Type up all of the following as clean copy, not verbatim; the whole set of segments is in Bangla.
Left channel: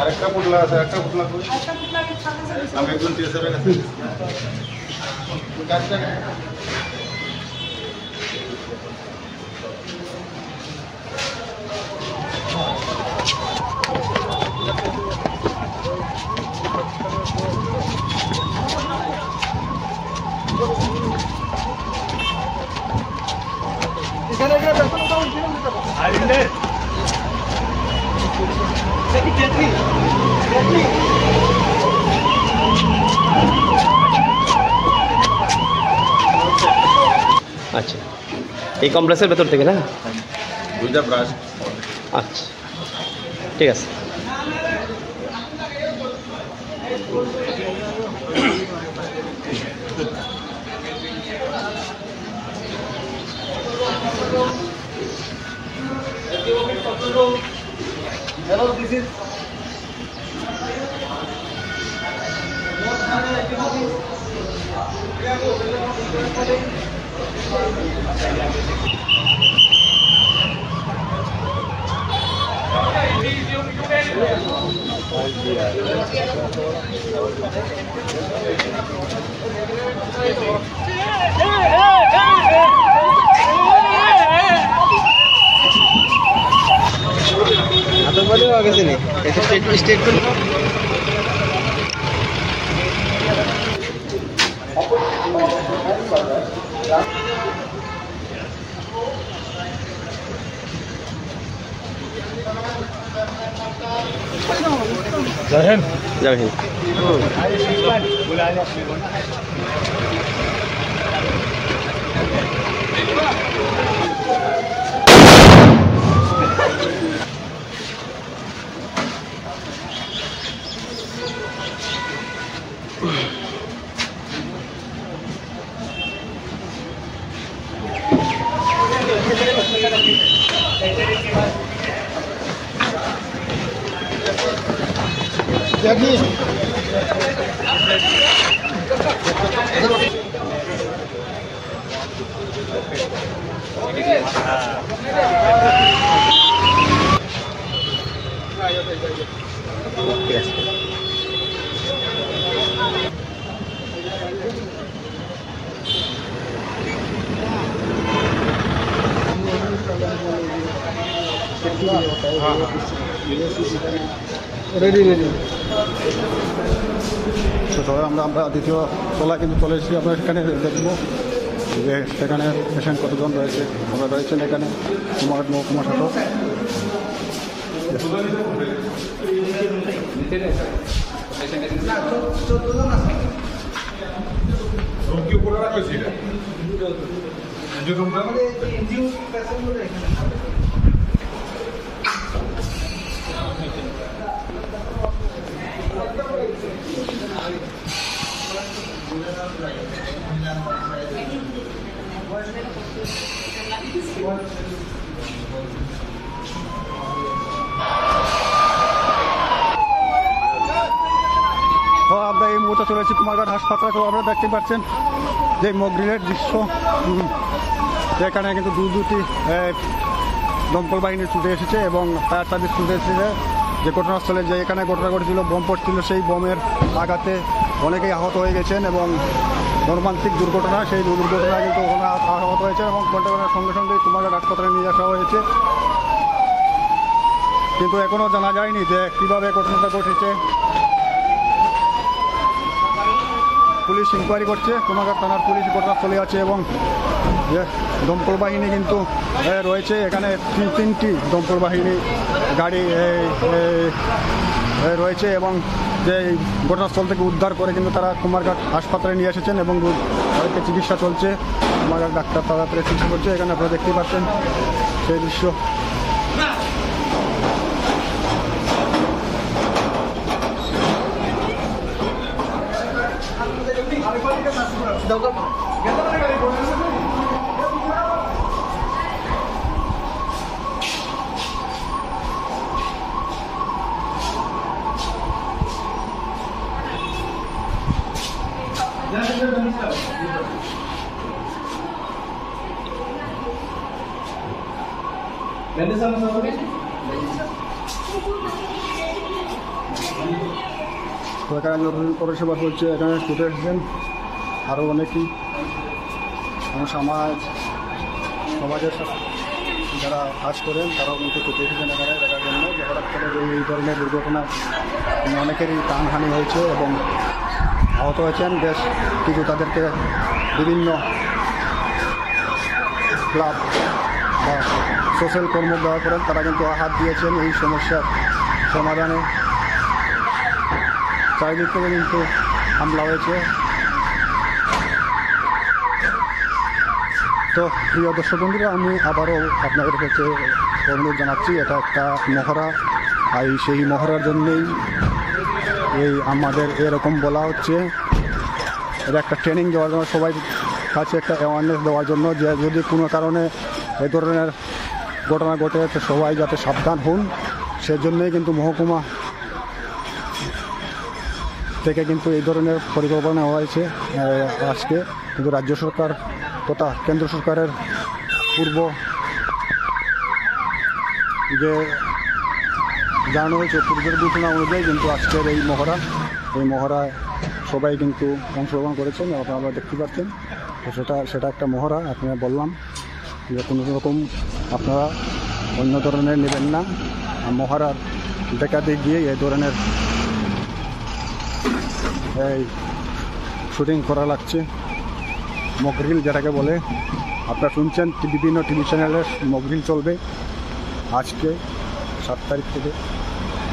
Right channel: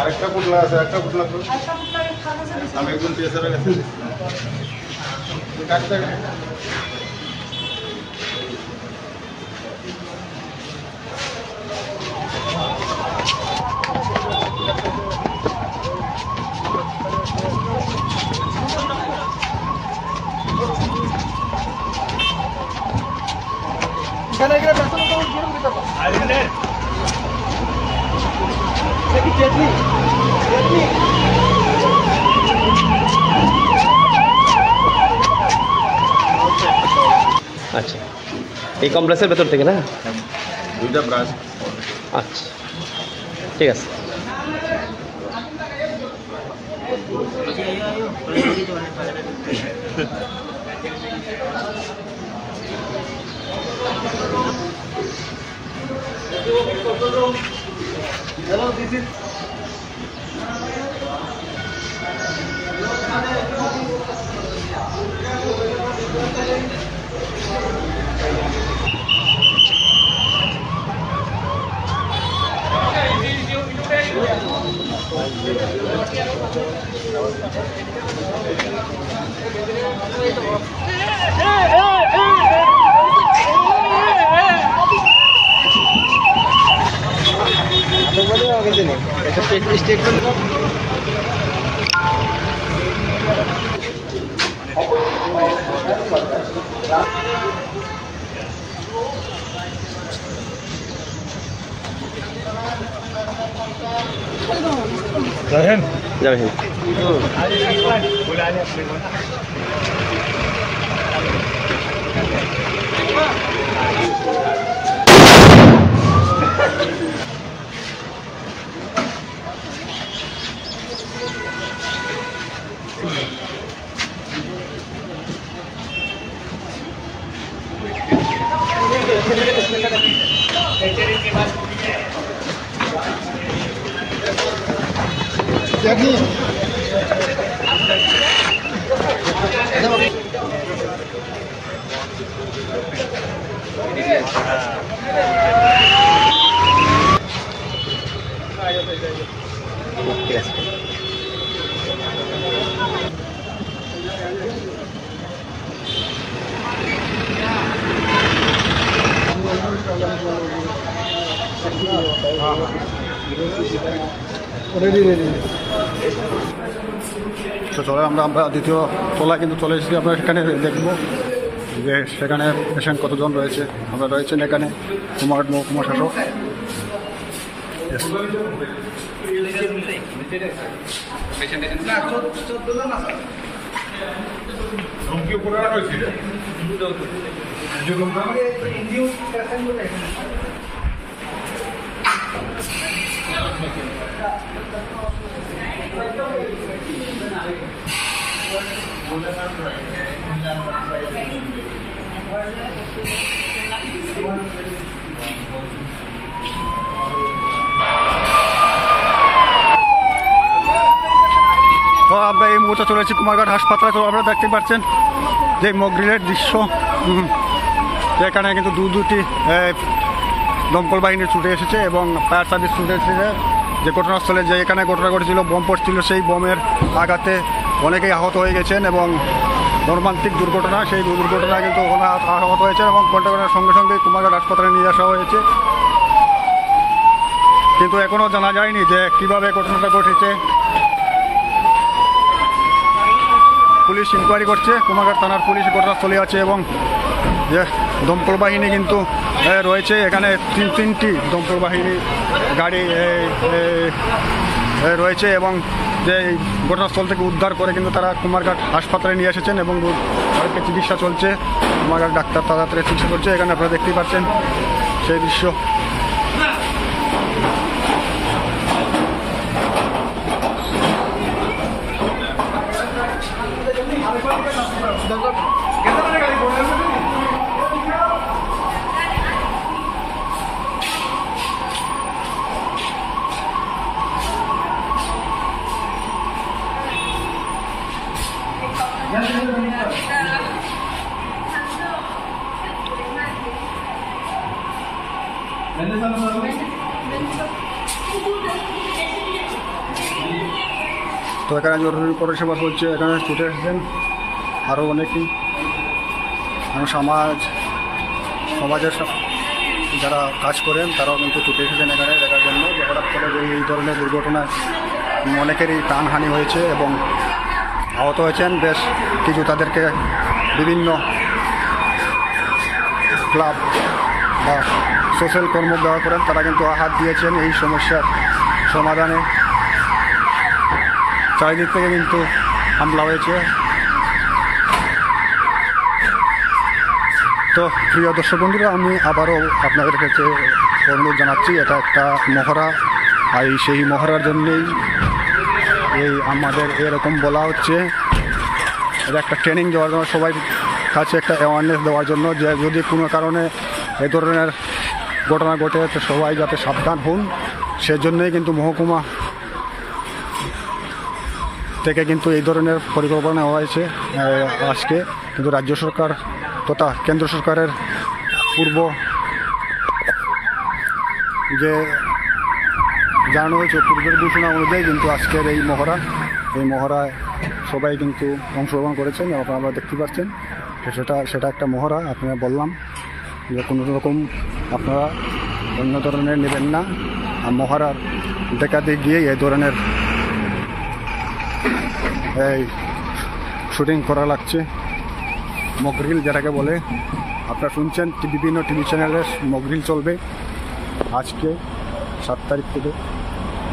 আরেকটা পুটলা আছে, একটা পুটলা কই? আমি একজন টিএসআর কাছে আচ্ছা, এই কমপ্লেক্সের ভেতর থেকে না? দুইটা ব্রাশ। আচ্ছা, ঠিক আছে। জয় হিন্দ। জয় হিন্দ। ঠিক আছে। তো চলে আমরা দ্বিতীয় তলায় কিন্তু চলে এসেছি। আমরা সেখানে দেখবো যে সেখানে পেশেন্ট কতজন রয়েছে। আমরা রয়েছেন এখানে কুমারঘাট মহকুমা শাসক। তো আমরা এই মুহূর্তে চলেছি কুমারঘাট হাসপাতালে। তো আপনারা দেখতে পাচ্ছেন যে মকড্রিলের দৃশ্য। এখানে কিন্তু দুটি দমকল বাহিনী ছুটে এসেছে এবং ফায়ার সার্ভিস ছুটে এসেছে যে ঘটনাস্থলে যে এখানে ঘটনা ঘটেছিল, বোম পড়ছিল, সেই বোমের আঘাতে অনেকেই আহত হয়ে গেছেন এবং মর্মান্তিক দুর্ঘটনা, সেই দুর্ঘটনায় কিন্তু আহত হয়েছে এবং ঘটনার সঙ্গে সঙ্গে কুমারঘাট হাসপাতালে নিয়ে আসা হয়েছে। কিন্তু এখনও জানা যায়নি যে কীভাবে ঘটনাটা ঘটেছে। পুলিশ ইনকোয়ারি করছে, কুমারঘাট থানার পুলিশ ঘটনাস্থলে আছে এবং যে দমকল বাহিনী কিন্তু রয়েছে এখানে। তিনটি দমকল বাহিনী গাড়ি রয়েছে এবং যে ঘটনাস্থল থেকে উদ্ধার করে কিন্তু তারা কুমারঘাট হাসপাতালে নিয়ে এসেছেন এবং তাদেরকে চিকিৎসা চলছে। কুমারঘাট ডাক্তার তাড়াতাড়ি চিকিৎসা করছে। এখানে আপনারা দেখতেই পাচ্ছেন সেই দৃশ্য। তো এখানে জরুরি পরিষেবা চলছে, এখানে ছুটে এসেছেন আরও অনেকেই। সমাজের যারা কাজ করেন তারাও কিন্তু ছুটে এসেছেন এখানে দেখার জন্য যে হঠাৎ করে যে এই ধরনের দুর্ঘটনায় অনেকেরই প্রাণহানি হয়েছে এবং আহত হয়েছেন বেশ কিছু। তাদেরকে বিভিন্ন ক্লাব বা সোশ্যাল কর্ম ব্যবহার করেন, তারা কিন্তু হাত দিয়েছেন এই সমস্যার সমাধানে। চারিদিক থেকে কিন্তু হামলা হয়েছে। তো প্রিয় দর্শক বন্ধুরা, আমি আবারও আপনাদের কাছে অনুরোধ জানাচ্ছি, এটা একটা মহড়া, আর সেই মহড়ার জন্যেই এই আমাদের এরকম বলা হচ্ছে। এটা একটা ট্রেনিং দেওয়ার জন্য, সবাই কাছে একটা অ্যাওয়ারনেস দেওয়ার জন্য যে যদি কোনো কারণে এ ধরনের ঘটনা ঘটে তো সবাই যাতে সাবধান হন, সেজন্যই কিন্তু মহকুমা থেকে কিন্তু এই ধরনের পরিকল্পনা নেওয়া হয়েছে আজকে। কিন্তু রাজ্য সরকার তথা কেন্দ্র সরকারের পূর্ব যে জানানো হয়েছে, পূর্বের ঘোষণা অনুযায়ী কিন্তু আজকের এই মহড়ায় সবাই কিন্তু অংশগ্রহণ করেছেন। আপনারা দেখতে পাচ্ছেন সেটা একটা মহড়া। আপনারা বললাম যে কোনো রকম আপনারা অন্য ধরনের নেবেন না, মহড়ার দেখাতে গিয়ে এই ধরনের এই শুটিং করা লাগছে। মকরিল যেটাকে বলে, আপনারা শুনছেন বিভিন্ন টিভি চ্যানেলে মকরিল চলবে আজকে 7 তারিখ থেকে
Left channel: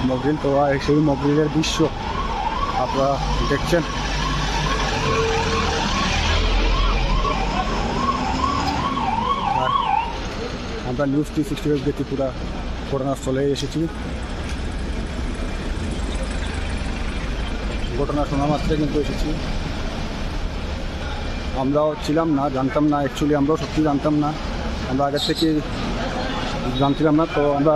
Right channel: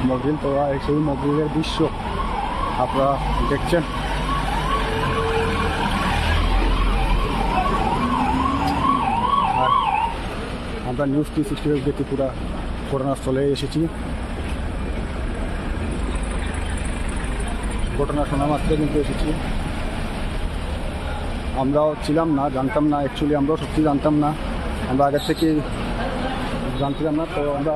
মকরিল। তো সেই মকরিলের দৃশ্য আপনারা দেখছেন। আর আমরা নিউজ 365 দেখতে পুরা ঘটনাস্থলে এসেছি। ঘটনা শোনা মাত্রে কিন্তু এসেছি। আমরাও ছিলাম না, জানতাম না, অ্যাকচুয়ালি আমরাও সত্যি জানতাম না, আমরা আগের থেকে জানছিলাম না। তো আমরা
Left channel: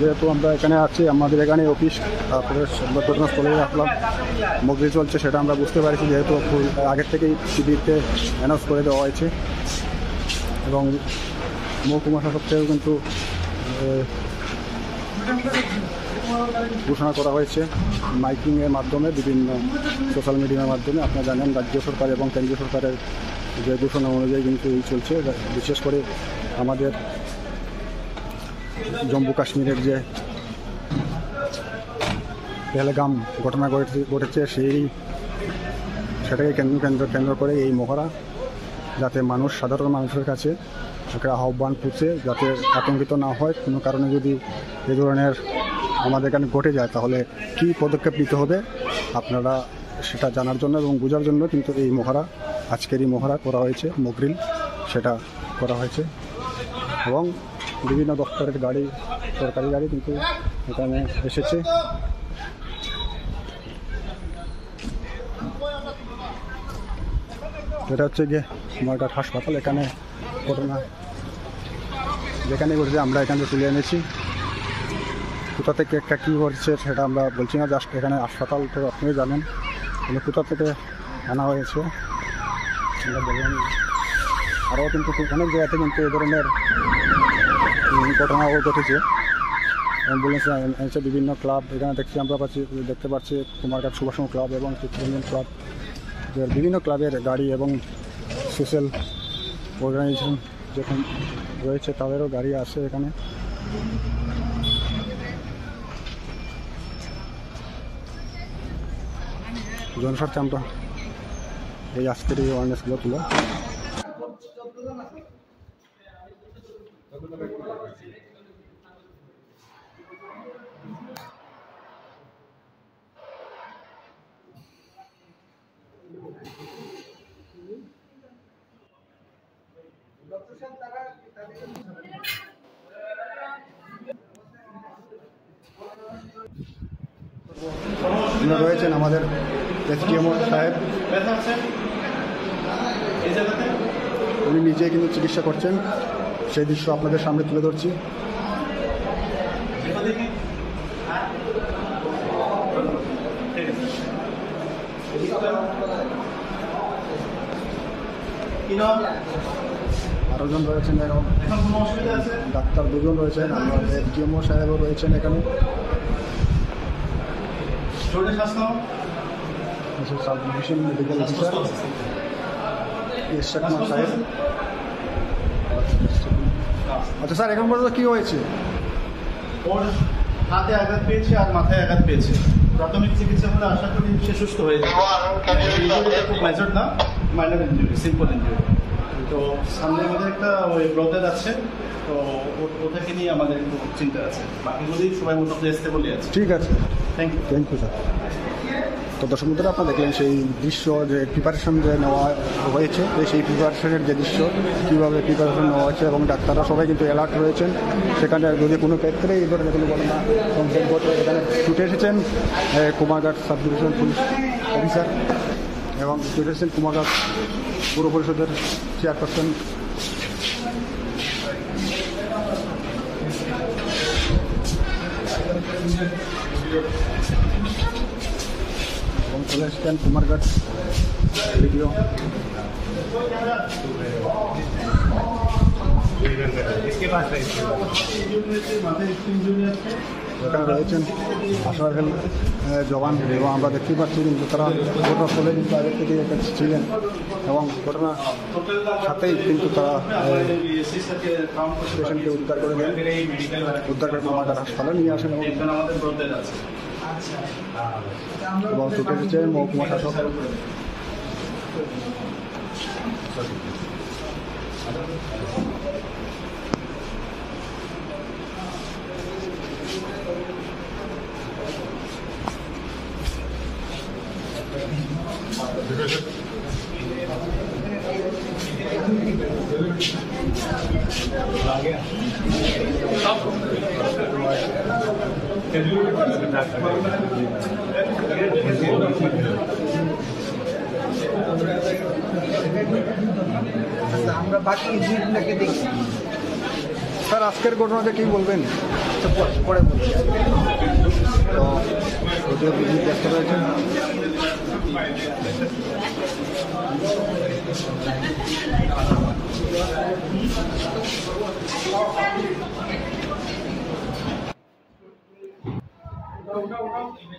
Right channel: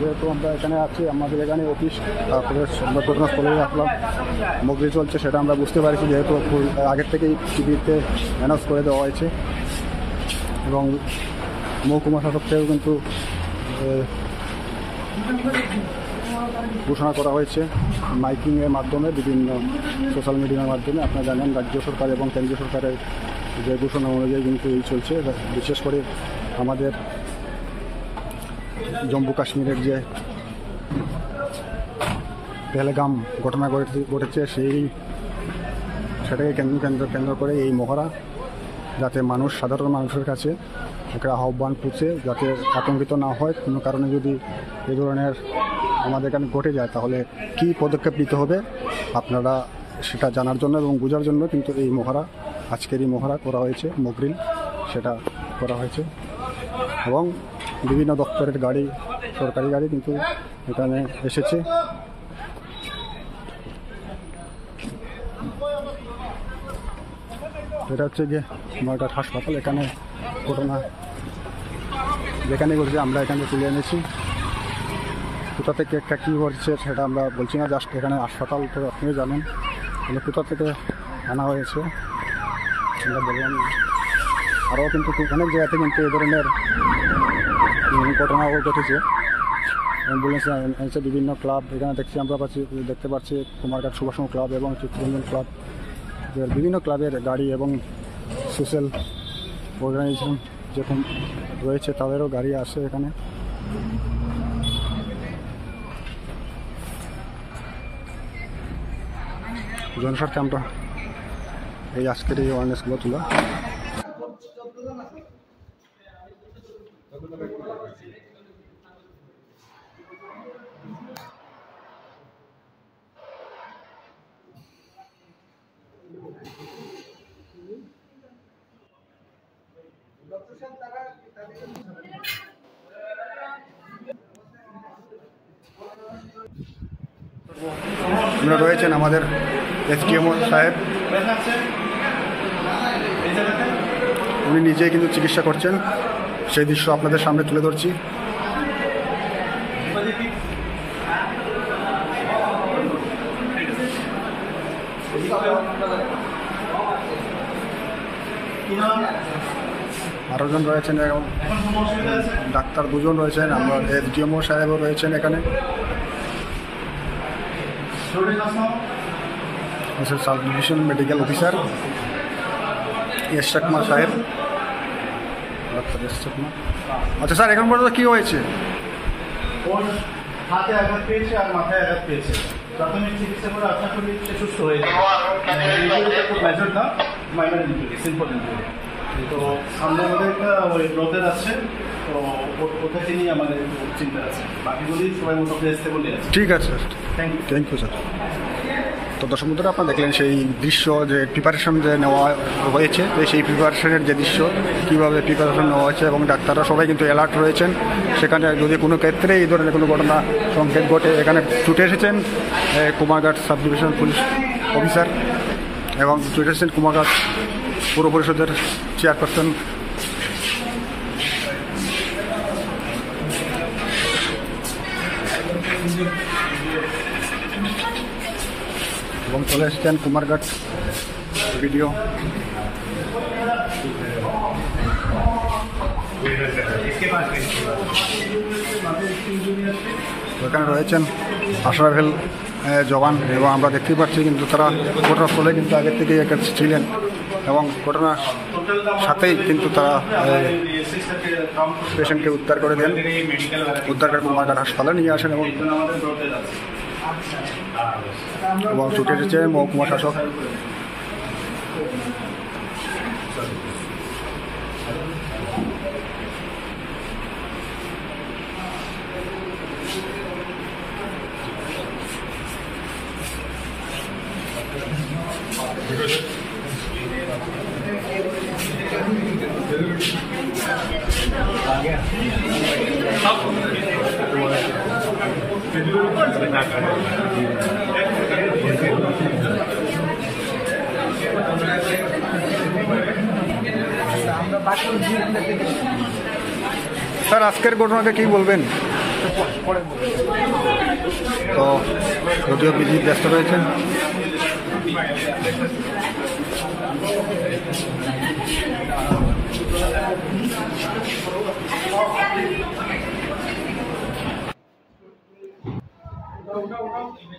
যেহেতু আমরা এখানে আছি, আমাদের এখানে অফিস, তারপরে ঘটনাস্থলে আসলাম, মকরিল চলছে সেটা আমরা বুঝতে পারছি, যেহেতু আগের থেকেই টিভিতে অ্যানাউন্স করে দেওয়া হয়েছে এবং মহকুমা শাসক থেকেও কিন্তু ঘোষণা করা হয়েছে মাইকিংয়ের মাধ্যমে, বিভিন্ন সোশ্যাল মিডিয়ার মাধ্যমে। আপনারা জানেন রাজ্য সরকার এবং কেন্দ্রীয় সরকারের যে ঘোষণা অনুযায়ী কিন্তু এই চলছে। বিশেষ করে আমাদের জম্মু কাশ্মীরের যে পেহেলগাম ঘটনা ঘটেছে সেটাকে কেন্দ্র করে এই মহড়া, যাতে সাধারণ মানুষের কাছে একটা আহ্বান পৌঁছে, যাতে আতঙ্কিত না হয়। কোনো কারণে যদি এই ধরনের আমাদের এখানে ঘটে যায় তাহলে কী পদক্ষেপ নিতে হবে আপনারা সেটা জানার জন্য এবং বোঝার জন্য কিন্তু এই মহড়া, আজকের এই মহড়া করা হয়েছে, মকরিল সেটা করা হয়েছে। এবং বিভিন্ন দপ্তরের গাড়ি, সরকারি গাড়ি কিন্তু এখানে এসেছে। এটা হচ্ছে গিয়ে কুমারঘাট হাসপাতাল। এখানে ঘটনা যেখানে ঘটেছে আমরা এখানে তুলে এনেছি। কোথা থেকে একটা কী ঘটছে সেটা আমরা বলছি না, জাস্ট এখানে হাসপাতাল তো আপনি জানেন, কিন্তু কোথা থেকে আনা হয়েছে আমরা বললাম। আরও কিন্তু অনেক জায়গাতে কিন্তু এই ধরনের ঘটনাও ঘটেছে। অ্যাম্বুলেন্সে বিভিন্ন ক্লাব এখানে দেখতে পাচ্ছি কুমারঘাট সুভাষচন্দ্র ক্লাব এবং চিত্তরঞ্জন ক্লাব, বিভিন্ন ক্লাবের গাড়ি এবং সোশ্যাল অর্গানাইজেশন যেরকম রয়েছে তাদেরও গাড়ি আসে এখানে। জনস্বার্থে আমরা এই আজকের এই অ্যাওয়ারনেসগুলো তোলা। রয়েছেন আমাদের এসডিএম সাহেব, উনি নিজেই কিন্তু চিকিৎসা করছেন, সেই দৃশ্য আপনাদের সামনে তুলে ধরছি। আরো জন রয়েছেন এবং ডাক্তার দুজন রয়েছেন, আমরা এসডিএমও সাহেবও রয়েছেন এখানে, sub division medical officer Ishraq Kumar সাহেব। আচ্ছা স্যার, এখন পর্যন্ত কী হয়েছে? ওর হাতে আঘাত পেয়েছে আর মাথায় আঘাত পেয়েছে। প্রাথমিক চিকিৎসা করে আশা করি সে সুস্থ হয়ে যাবে। খুব মেজর না, মাইনর ইনজুরি, সিম্পল ইনজুরি। তো সামনে আমাদের একটা ওই ব্রদের আছে, তো ওটাকে নিয়ে আমাদের একটু চিন্তা আছে। বাকিগুলি সবাই মোটামুটি আসতে বলে আছে। ঠিক আছে স্যার, থ্যাংক ইউ স্যার। তো দর্শক বন্ধুরা, আপনারা দেখলেন সেই দৃশ্য, যে প্রিপারেশন যে নেওয়া হয়েছে, যে সেই প্রিপারেশনের যে দৃশ্য, কীভাবে প্রিপারেশন নেওয়া হয়েছে, এবং ডাক্তাররা সবাই কিন্তু অ্যালার্ট রয়েছেন। সেখানে যদি কোনো ক্ষেত্রে এই ধরনের কোনো ঘটনা সংকেত ঘটে, এখানে ছুটে এসেছেন Kumarghat sub division police officer, এবং ছুটে এসেছেন কুমারঘাট পৌর পরিষদের চেয়ারপারসন এবং চলে এসেছেন কুমারঘাট ভিডিও। এখানে রয়েছেন আশরাফেল জওয়ান, এবং আমরা দেখতেই পাচ্ছি কিন্তু তারা ঘটনাস্থলে কিন্তু আগের থেকেই ছিলেন, এবং ঘটনার সাথেই কিন্তু তারা পেশেন্টকে উদ্ধার করে দেন, উদ্ধার করে কুমারঘাট হাসপাতালে নিয়ে আসেন, এবং ছুটে এসেছে মহকুমা শাসক। স্যার, আজকের ঘটনাকে কি বলবেন? তো যদিও বিজি ব্যস্ত রয়েছেন। ওটা